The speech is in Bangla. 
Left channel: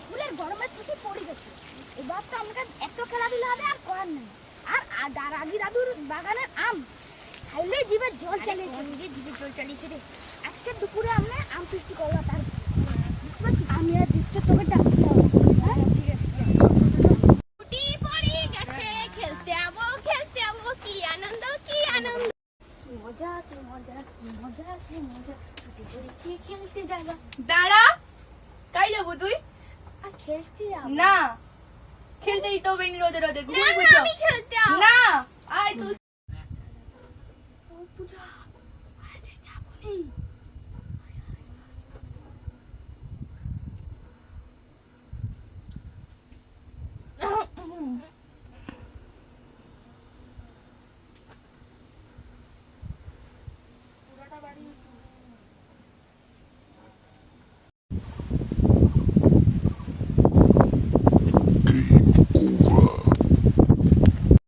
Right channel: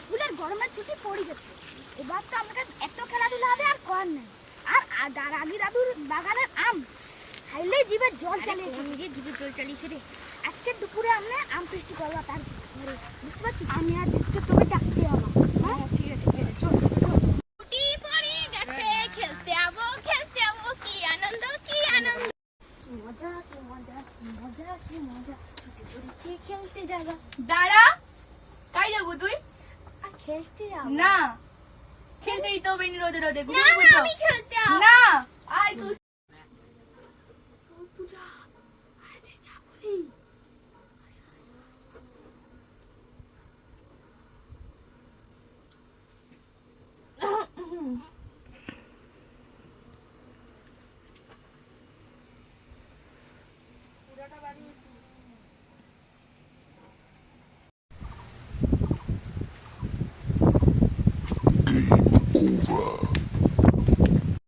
স্কুলের গরমের ছুটি পড়ে গেছে, এবার তো আমাদের এত খেলাধুলা হবে আর করার নেই। আর রাগি দাদুর বাগানের আম খাইলেই জিভে জল চালিয়েছে, জিভে জল চালিয়েছে রে। আজকে দুপুরে আমরা আম ফিস্টি করবো, তার বুঝতে পারছি। আমি আর দেখতে তোকে ডাকতে হবে। হ্যাঁ ঠিক আছে, ছুটি পড়ে গেছে, খেলতে যাবো খেলতে যাবো, কি আনন্দ কি আনন্দ, কি মজা কি মজা কি মজা কি মজা, ছুটি পড়েছে খেলতে যাবো। দাঁড়া, কাই যাবো তুই? আর খেলতে যাবো না, খেলতেই তো বেনি রোদে রোদে না, না, আমি খেলতে যাবো না, আয় তুই। পূজা, আরে যাবো নেই।